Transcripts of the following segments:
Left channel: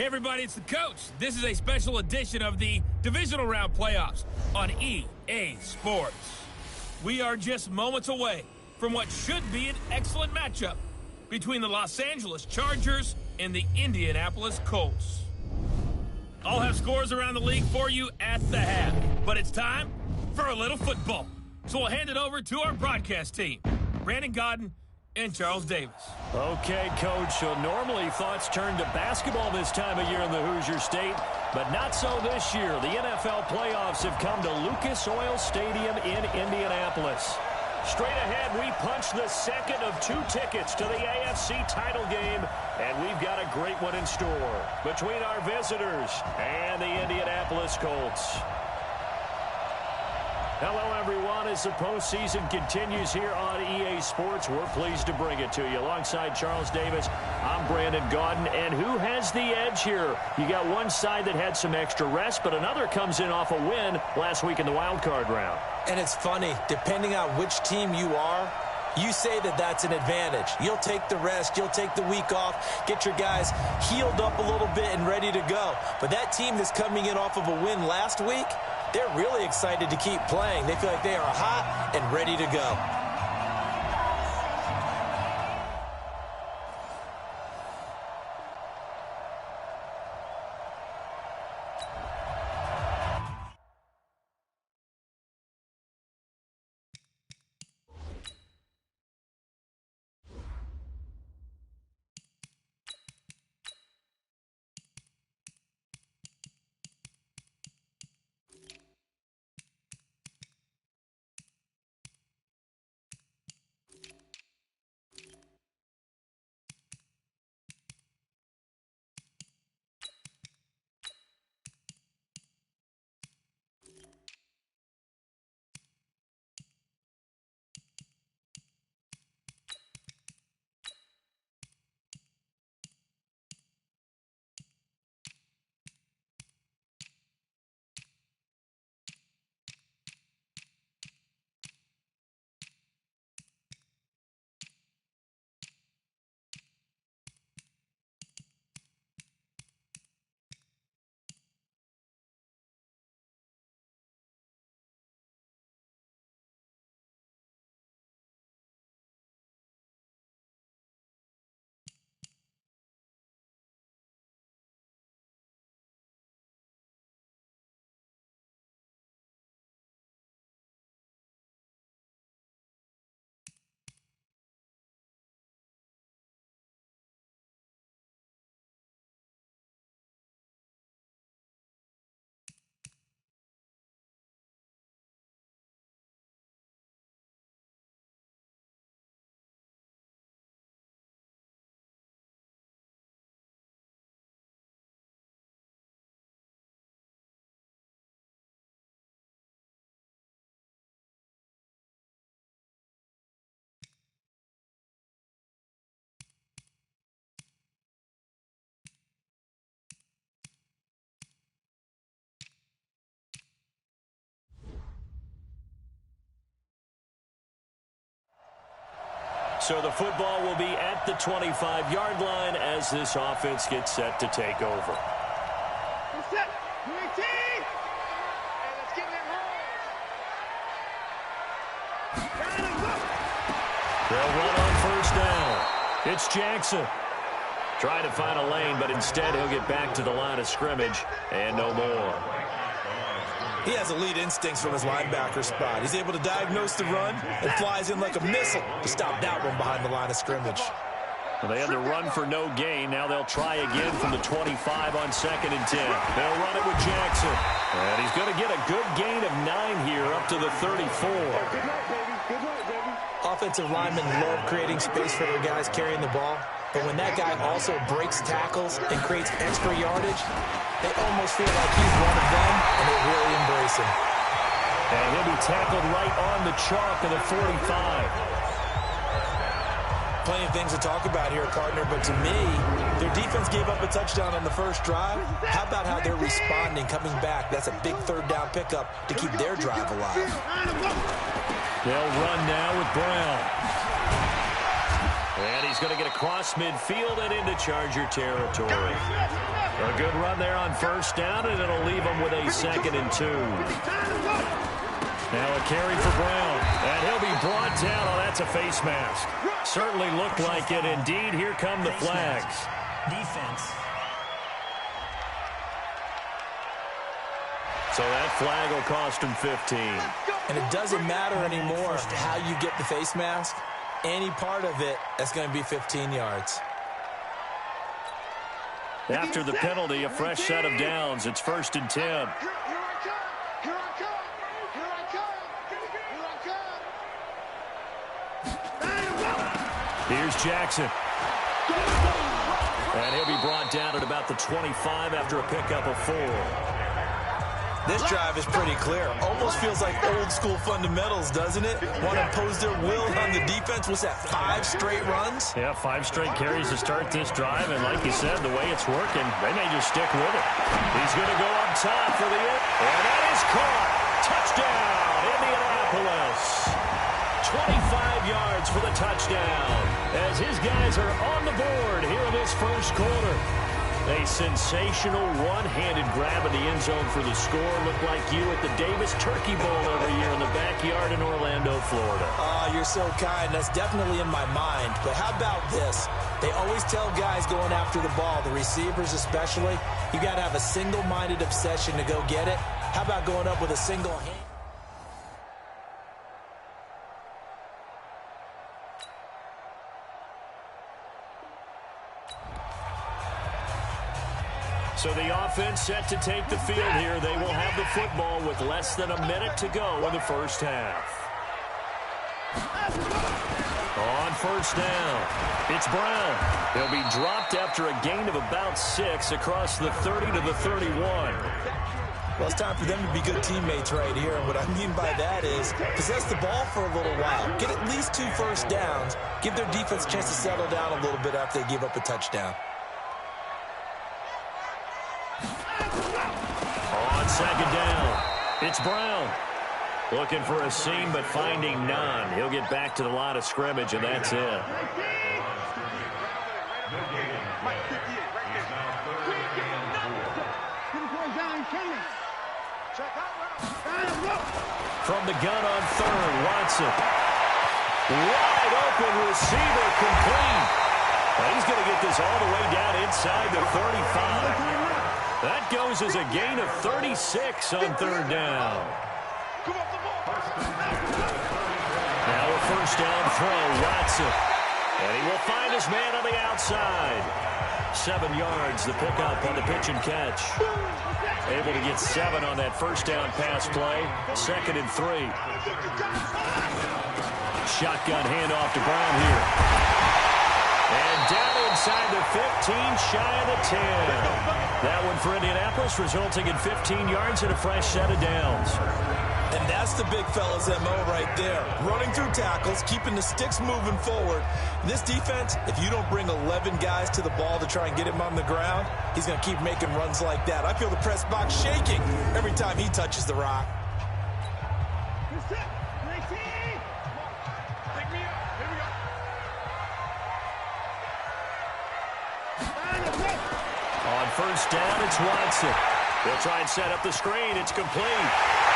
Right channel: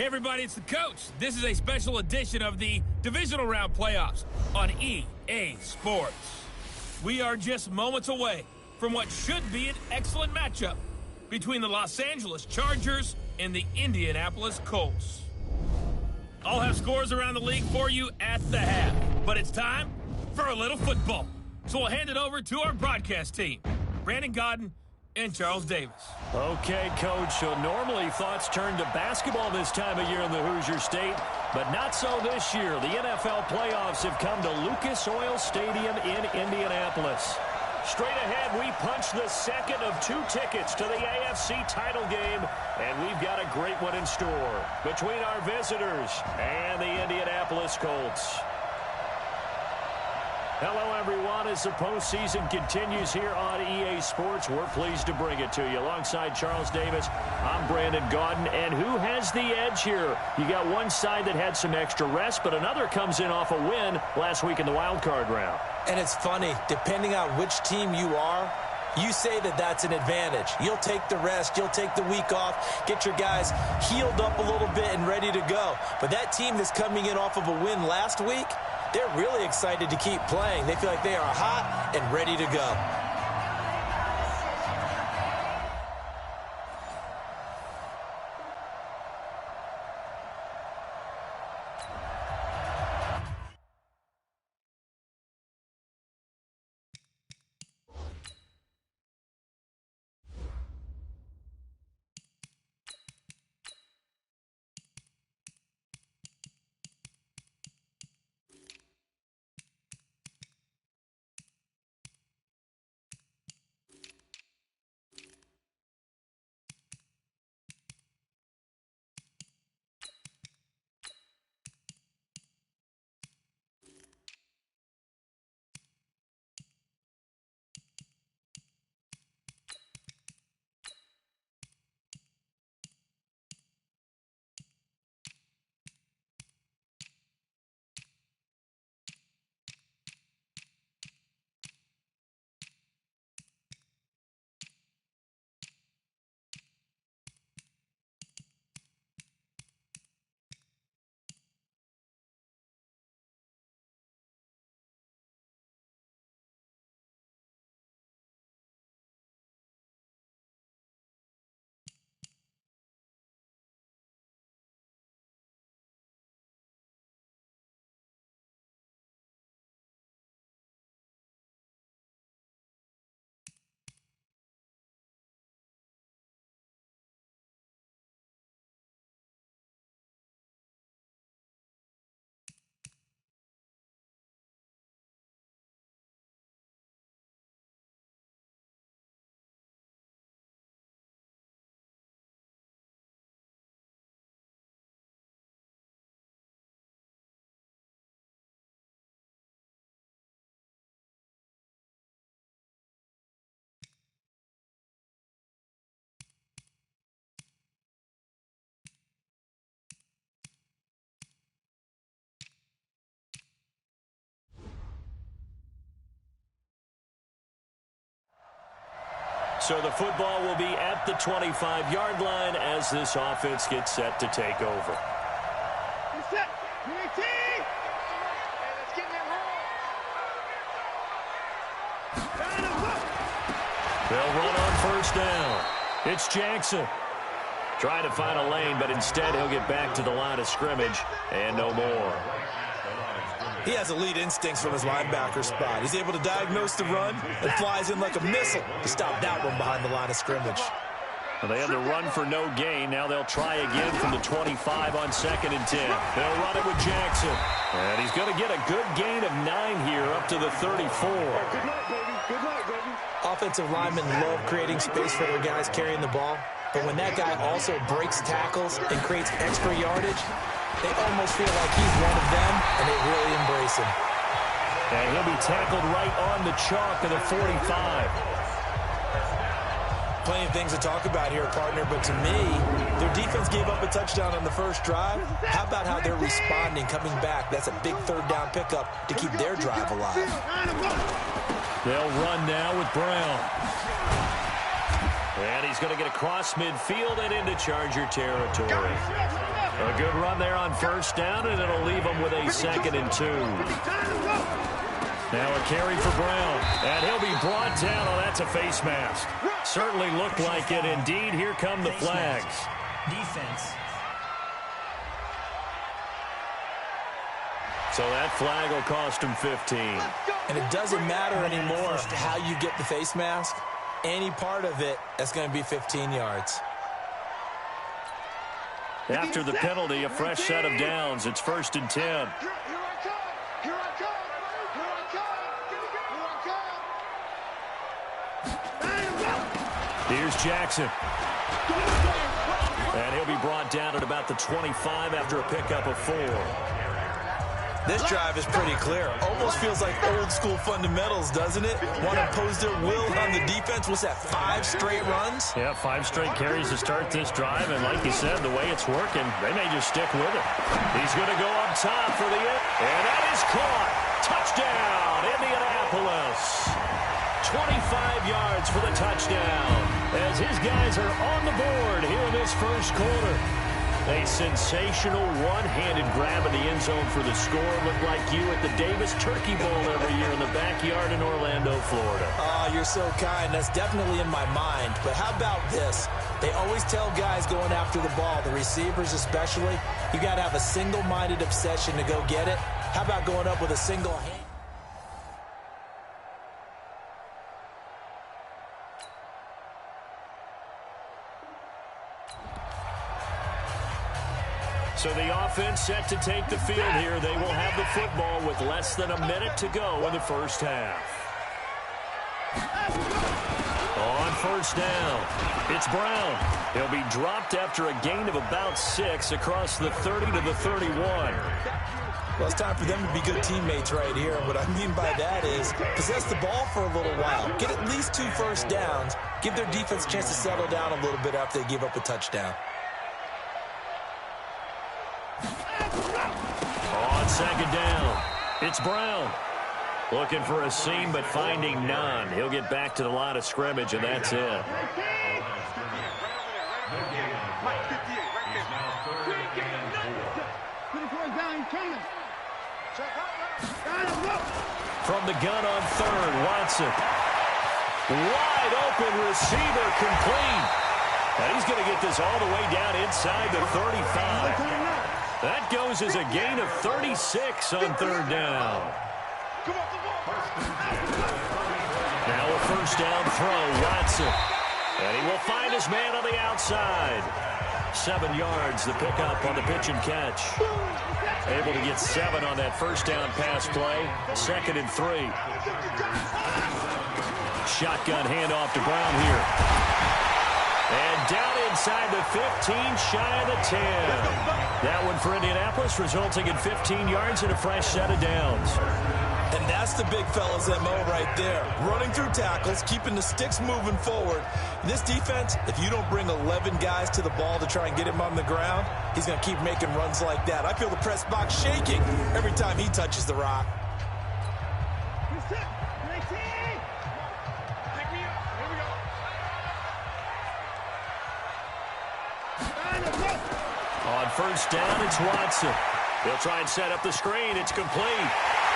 Hey everybody, it's the coach. This is a special edition of the Divisional Round Playoffs on EA Sports. We are just moments away from what should be an excellent matchup between the Los Angeles Chargers and the Indianapolis Colts. I'll have scores around the league for you at the half, but it's time for a little football. So we'll hand it over to our broadcast team, Brandon Godden and Charles Davis. Okay, Coach, so normally thoughts turn to basketball this time of year in the Hoosier State, but not so this year. The NFL playoffs have come to Lucas Oil Stadium in Indianapolis. Straight ahead, we punch the second of 2 tickets to the AFC title game, and we've got a great one in store between our visitors and the Indianapolis Colts. Hello, everyone. As the postseason continues here on EA Sports, we're pleased to bring it to you. Alongside Charles Davis, I'm Brandon Godden. And who has the edge here? You got one side that had some extra rest, but another comes in off a win last week in the wild card round. And it's funny, depending on which team you are, you say that that's an advantage. You'll take the rest, you'll take the week off, get your guys healed up a little bit and ready to go. But that team that's coming in off of a win last week, they're really excited to keep playing. They feel like they are hot and ready to go. So the football will be at the 25-yard line as this offense gets set to take over. Get set. UAT. Hey, let's get in that hole. They'll run on first down. It's Jackson. Trying to find a lane, but instead he'll get back to the line of scrimmage and no more. He has elite instincts from his linebacker spot. He's able to diagnose the run and flies in like a missile to stop that one behind the line of scrimmage. Well, they had to run for no gain. Now they'll try again from the 25 on 2nd and 10. They'll run it with Jackson. And he's going to get a good gain of 9 here up to the 34. Good night, baby. Good night, baby. Offensive linemen love creating space for their guys carrying the ball. But when that guy also breaks tackles and creates extra yardage, they almost feel like he's one of them, and they really embrace him. And he'll be tackled right on the chalk of the 45. Plenty of things to talk about here, partner, but to me, their defense gave up a touchdown on the first drive. How about how they're responding, coming back? That's a big third down pickup to keep their drive alive. They'll run now with Brown. And he's going to get across midfield and into Charger territory. A good run there on first down, and it'll leave them with a 2nd and 2. Now a carry for Brown, and he'll be brought down. Oh, that's a face mask. Certainly looked like it. Indeed, here come the flags. Defense. So that flag will cost him 15. And it doesn't matter anymore how you get the face mask. Any part of it, that's going to be 15 yards. After the penalty, a fresh set of downs. It's 1st and 10. Here I come. Here I come. Here I come. Here I come. Here's Jackson. And he'll be brought down at about the 25 after a pickup of 4. This drive is pretty clear. Almost feels like old school fundamentals, doesn't it? Want to impose their will on the defense. What's that, 5 straight runs? Yeah, 5 straight carries to start this drive. And like you said, the way it's working, they may just stick with it. He's going to go up top for the end. And that is caught. Touchdown, Indianapolis. 25 yards for the touchdown as his guys are on the board here in this first quarter. A sensational one-handed grab in the end zone for the score. Looked like you at the Davis Turkey Bowl every year in the backyard in Orlando, Florida. Oh, you're so kind. That's definitely in my mind. But how about this? They always tell guys going after the ball, the receivers especially, you got to have a single-minded obsession to go get it. How about going up with a single hand? So the offense set to take the field here. They will have the football with less than a minute to go in the first half. On first down, it's Brown. He'll be dropped after a gain of about 6 across the 30 to the 31. Well, it's time for them to be good teammates right here. And what I mean by that is possess the ball for a little while. Get at least 2 first downs. Give their defense a chance to settle down a little bit after they give up a touchdown. On second down, it's Brown. Looking for a seam, but finding none. He'll get back to the line of scrimmage, and that's it. From the gun on third, Watson. Wide open receiver, complete. And he's going to get this all the way down inside the 35. That goes as a gain of 36 on third down. Now a first down throw, Watson. And he will find his man on the outside. 7 yards, the pickup on the pitch and catch. Able to get 7 on that first down pass play. 2nd and 3. Shotgun handoff to Brown here. And down inside the 15, shy of the 10. That one for Indianapolis, resulting in 15 yards and a fresh set of downs. And that's the big fella's MO right there. Running through tackles, keeping the sticks moving forward. This defense, if you don't bring 11 guys to the ball to try and get him on the ground, he's going to keep making runs like that. I feel the press box shaking every time he touches the rock. On first down, it's Watson. He'll try and set up the screen. It's complete.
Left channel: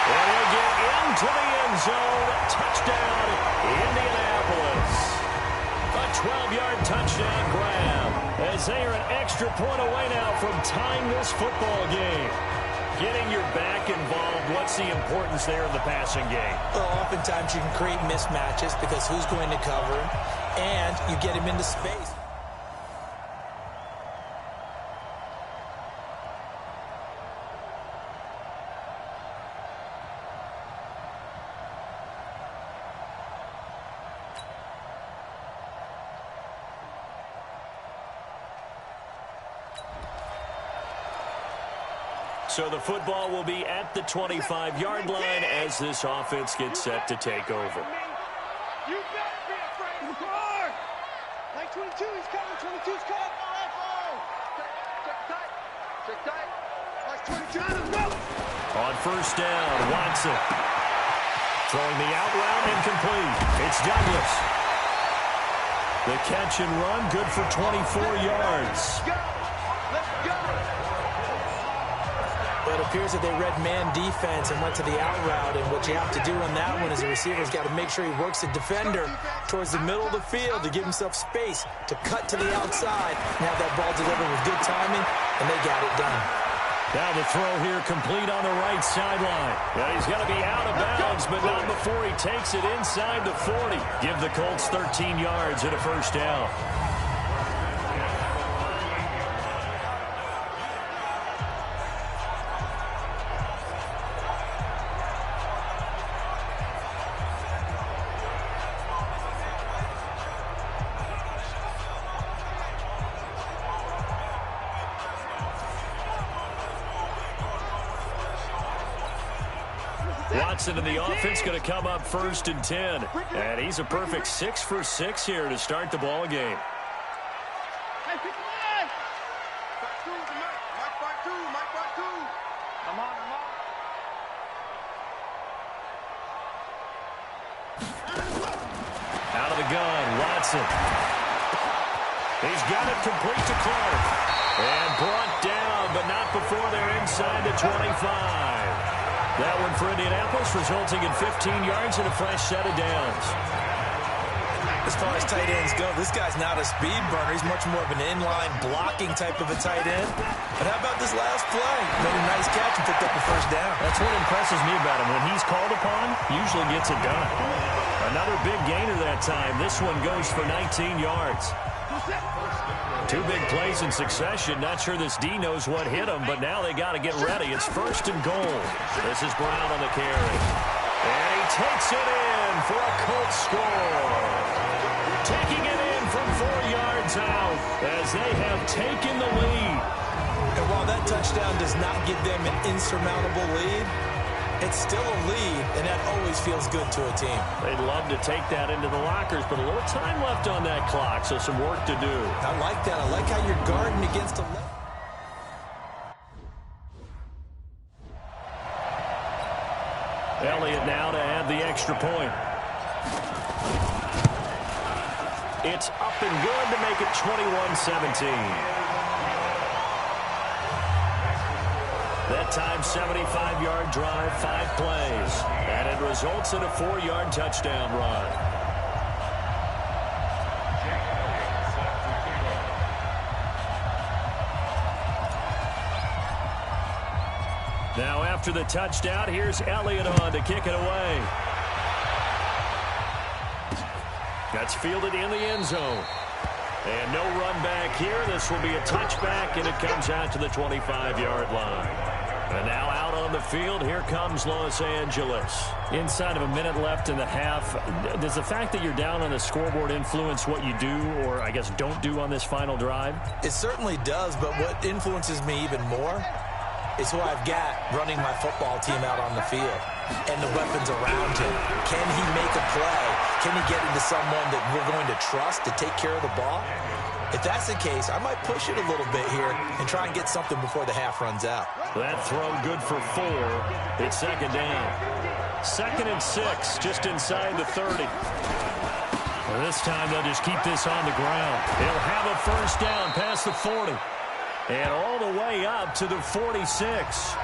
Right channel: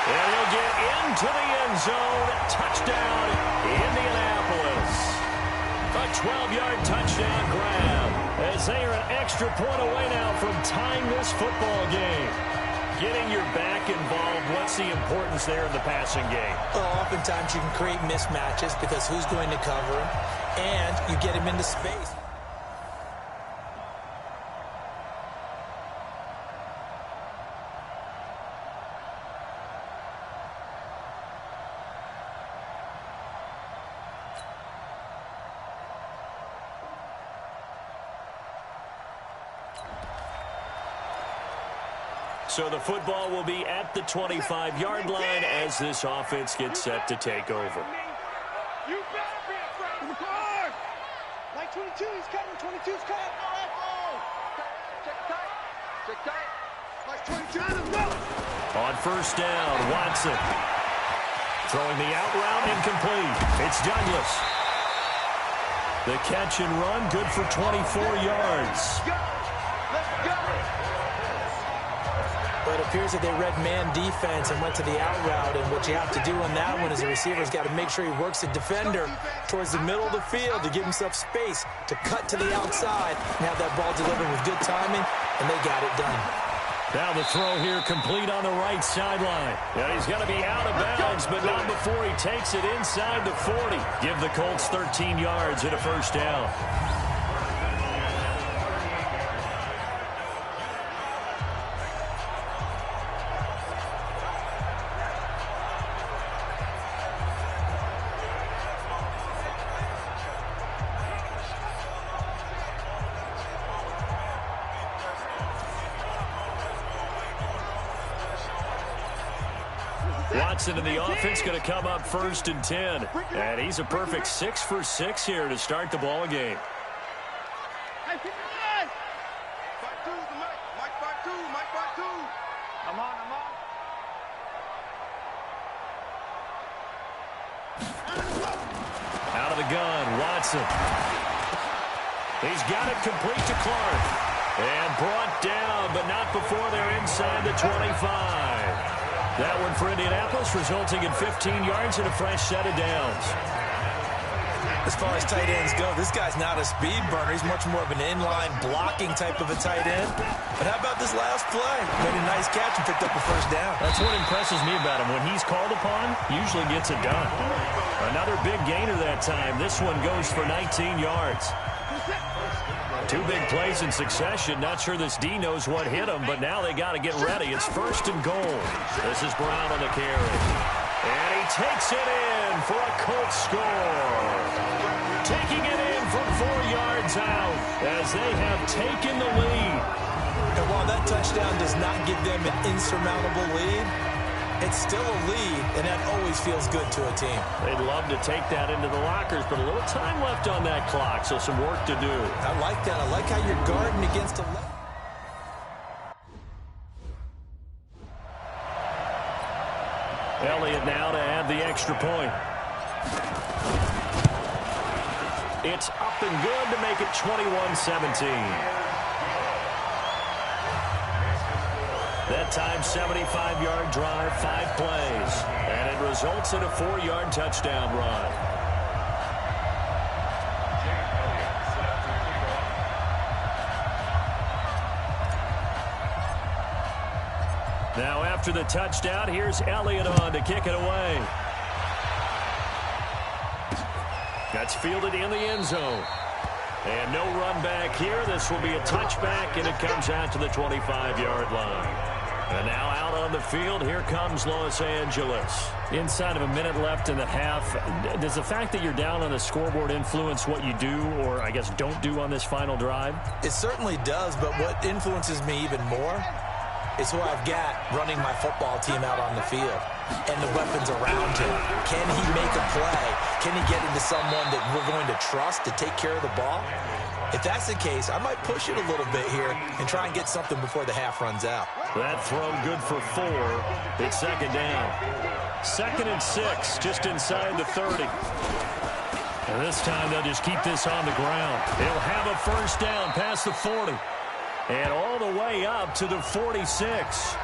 And he'll get into the end zone. Touchdown, Indianapolis. A 12-yard touchdown grab as they are an extra point away now from tying this football game. Getting your back involved, what's the importance there in the passing game? Well, oftentimes you can create mismatches because who's going to cover him, and you get him into space. So the football will be at the 25-yard line as this offense gets set to take over. You better be afraid of the guard. Like 22, he's coming. 22's cut. All right, ball. Check tight. Check tight. Like 22. Go. On first down, Watson. Throwing the out route incomplete. It's Douglas. The catch and run, good for 24 yards. Let's go. Let's go. But it appears that they read man defense and went to the out route, and what you have to do on that one is the receiver's got to make sure he works the defender towards the middle of the field to give himself space to cut to the outside and have that ball delivered with good timing, and they got it done. Now the throw here complete on the right sideline. Yeah, he's going to be out of bounds, but not before he takes it inside the 40. Give the Colts 13 yards and a first down. Watson and the offense going to come up 1st and 10. And he's a perfect 6 for 6 here to start the ball game. Hey, pick the line. 5-2 is the Mike. Mike 5-2. Mike 5-2. I'm on. Out of the gun, Watson. He's got it complete to Clark. And brought down, but not before they're inside the 25. That one for Indianapolis, resulting in 15 yards and a fresh set of downs. As far as tight ends go, this guy's not a speed burner. He's much more of an inline blocking type of a tight end. But how about this last play? Made a nice catch and picked up a first down. That's what impresses me about him. When he's called upon, usually gets it done. Another big gainer that time. This one goes for 19 yards. 2 big plays in succession. Not sure this D knows what hit him, but now they got to get ready. It's 1st and goal. This is Brown on the carry. And he takes it in for a Colts score. Taking it in from 4 yards out as they have taken the lead. And while that touchdown does not give them an insurmountable lead, it's still a lead, and that always feels good to a team. They'd love to take that into the lockers, but a little time left on that clock, so some work to do. I like that. I like how you're guarding against a Elliott now to add the extra point. It's up and good to make it 21-17. That time, 75-yard drive, 5 plays. And it results in a 4-yard touchdown run. Now after the touchdown, here's Elliott on to kick it away. That's fielded in the end zone. And no run back here. This will be a touchback, and it comes out to the 25-yard line. And now out on the field, here comes Los Angeles. Inside of a minute left in the half, does the fact that you're down on the scoreboard influence what you do, or I guess don't do on this final drive? It certainly does, but what influences me even more is who I've got running my football team out on the field and the weapons around him. Can he make a play? Can he get into someone that we're going to trust to take care of the ball? If that's the case, I might push it a little bit here and try and get something before the half runs out. That throw good for 4. It's 2nd down. 2nd and 6, just inside the 30. And this time they'll just keep this on the ground. He'll have a first down past the 40. And all the way up to the 46.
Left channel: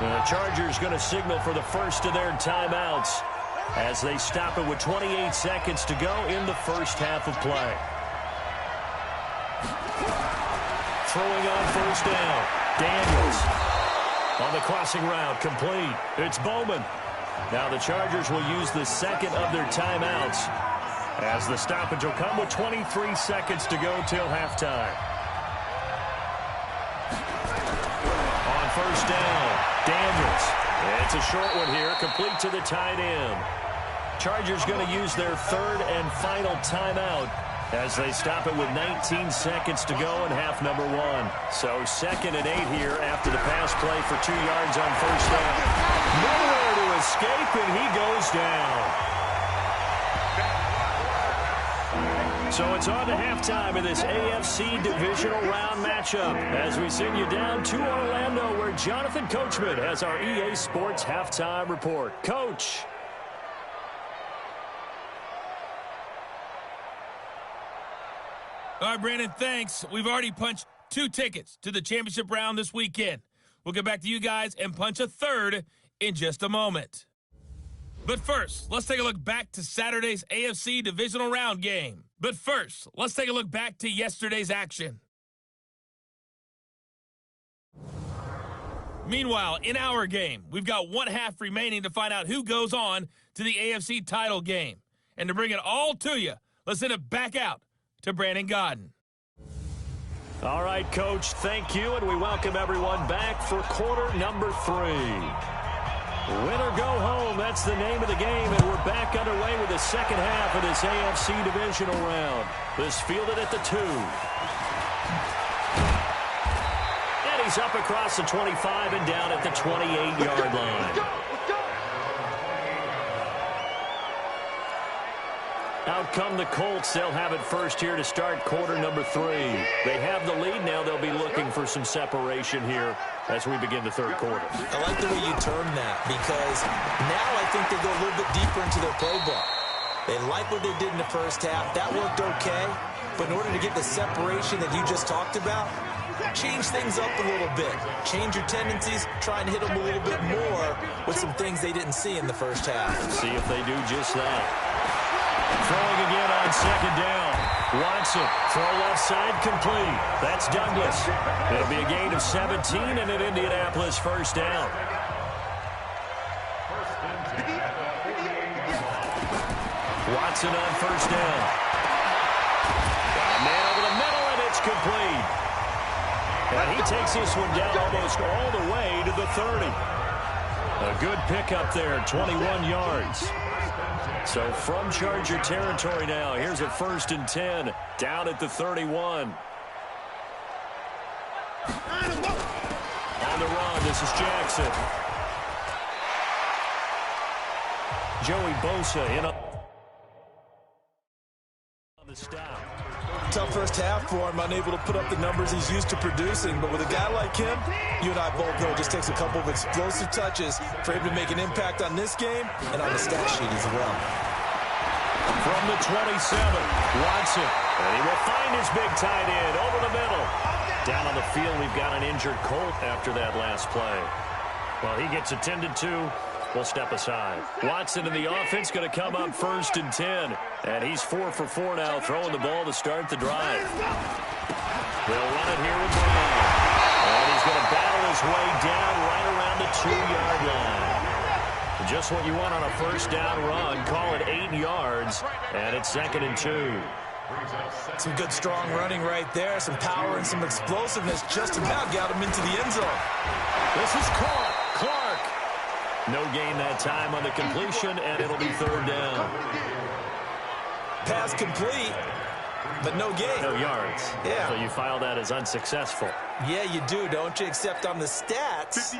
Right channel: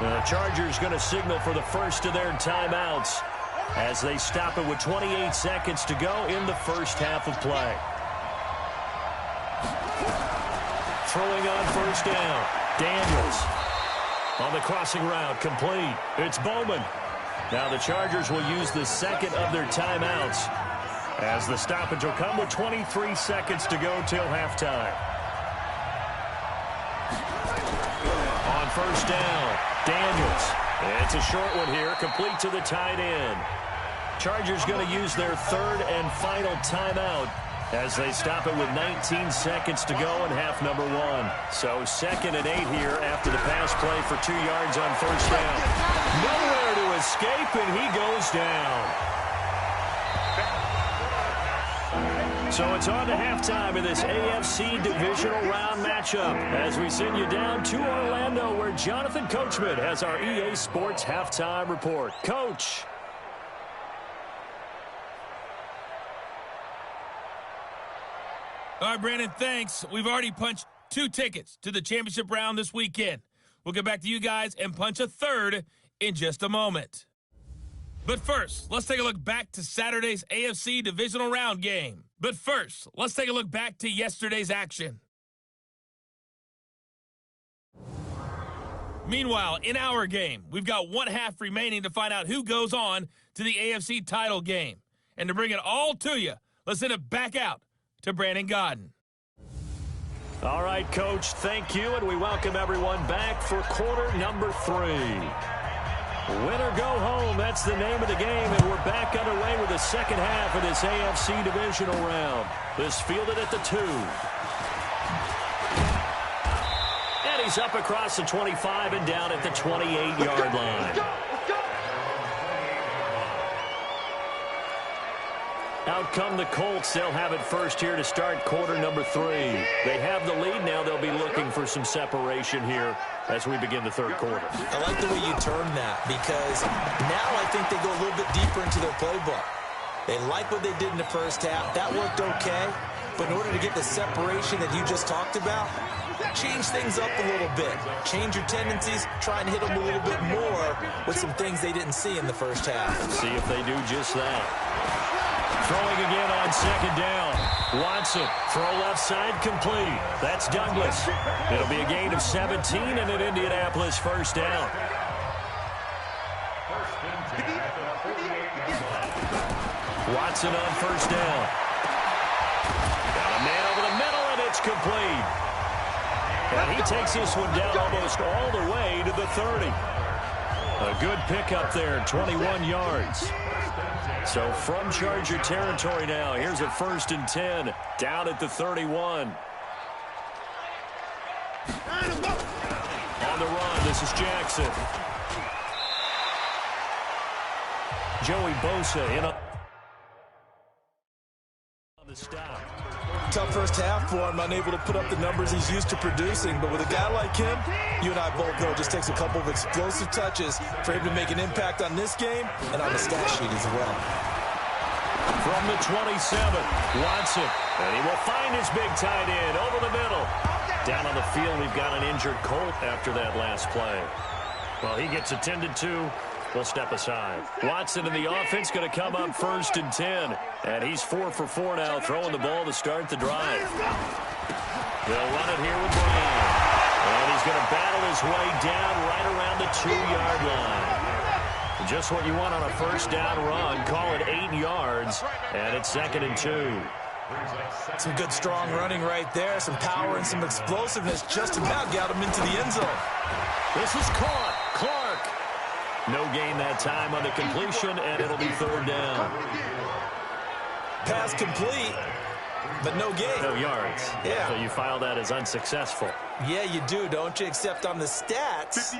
The Chargers going to signal for the first of their timeouts as they stop it with 28 seconds to go in the first half of play. Throwing on first down. Daniels on the crossing route, complete. It's Bowman. Now the Chargers will use the second of their timeouts as the stoppage will come with 23 seconds to go till halftime. On first down, Daniels. It's a short one here, complete to the tight end. Chargers going to use their 3rd and final timeout as they stop it with 19 seconds to go in half number 1. So 2nd and 8 here after the pass play for 2 yards on first down. Nowhere to escape, and he goes down. So it's on to halftime in this AFC divisional round matchup as we send you down to Orlando where Jonathan Coachman has our EA Sports halftime report. Coach. All right, Brandon, thanks. We've already punched 2 tickets to the championship round this weekend. We'll get back to you guys and punch a third in just a moment. But first, let's take a look back to Saturday's AFC Divisional Round game. But first, let's take a look back to yesterday's action. Meanwhile, in our game, we've got one half remaining to find out who goes on to the AFC title game. And to bring it all to you, let's send it back out to Brandon Godden. All right, Coach, thank you, and we welcome everyone back for quarter number 3. Win or go home, that's the name of the game, and we're back underway with the second half of this AFC divisional round. This fielded at the 2. And he's up across the 25 and down at the 28-yard line. Out come the Colts. They'll have it first here to start quarter number 3. They have the lead now. They'll be looking for some separation here as we begin the third quarter. I like the way you term that, because now I think they go a little bit deeper into their playbook. They like what they did in the first half. That worked okay. But in order to get the separation that you just talked about, change things up a little bit. Change your tendencies. Try and hit them a little bit more with some things they didn't see in the first half. See if they do just that. Throwing again on second down. Watson, throw left side, complete. That's Douglas. It'll be a gain of 17 and an Indianapolis first down. Watson on first down. Got a man over the middle, and it's complete. And he takes this one down almost all the way to the 30. A good pickup there, 21 yards. So from Charger territory now, here's a 1st and 10 down at the 31. On the run, this is Jackson. Joey Bosa in on the stop. Tough first half for him, unable to put up the numbers he's used to producing. But with a guy like him, you and I both know it just takes a couple of explosive touches for him to make an impact on this game and on the stat sheet as well. From the 27, Watson. And he will find his big tight end over the middle. Down on the field, we've got an injured Colt after that last play. Well, he gets attended to. We'll step aside. Watson and the offense going to come up 1st and 10. And he's 4 for 4 now, throwing the ball to start the drive. They'll run it here with Brown. And he's going to battle his way down right around the 2-yard line. Just what you want on a first down run. Call it 8 yards. And it's 2nd and 2. Some good strong running right there. Some power and some explosiveness. Just about got him into the end zone. This is caught. Clark. No gain that time on the completion, and it'll be 3rd down. Pass complete, but no gain. No yards. Yeah. So you file that as unsuccessful. Yeah, you do, don't you? Except on the stats,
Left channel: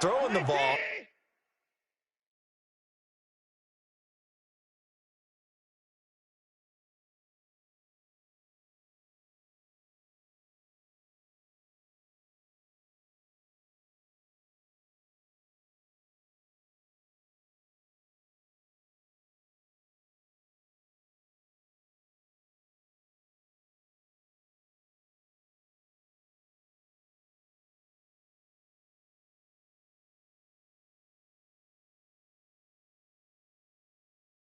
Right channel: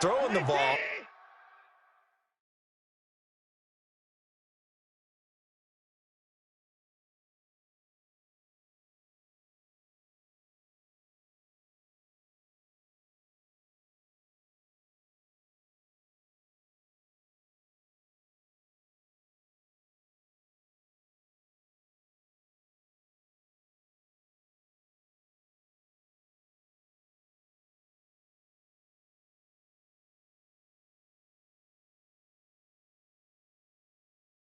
throwing the ball,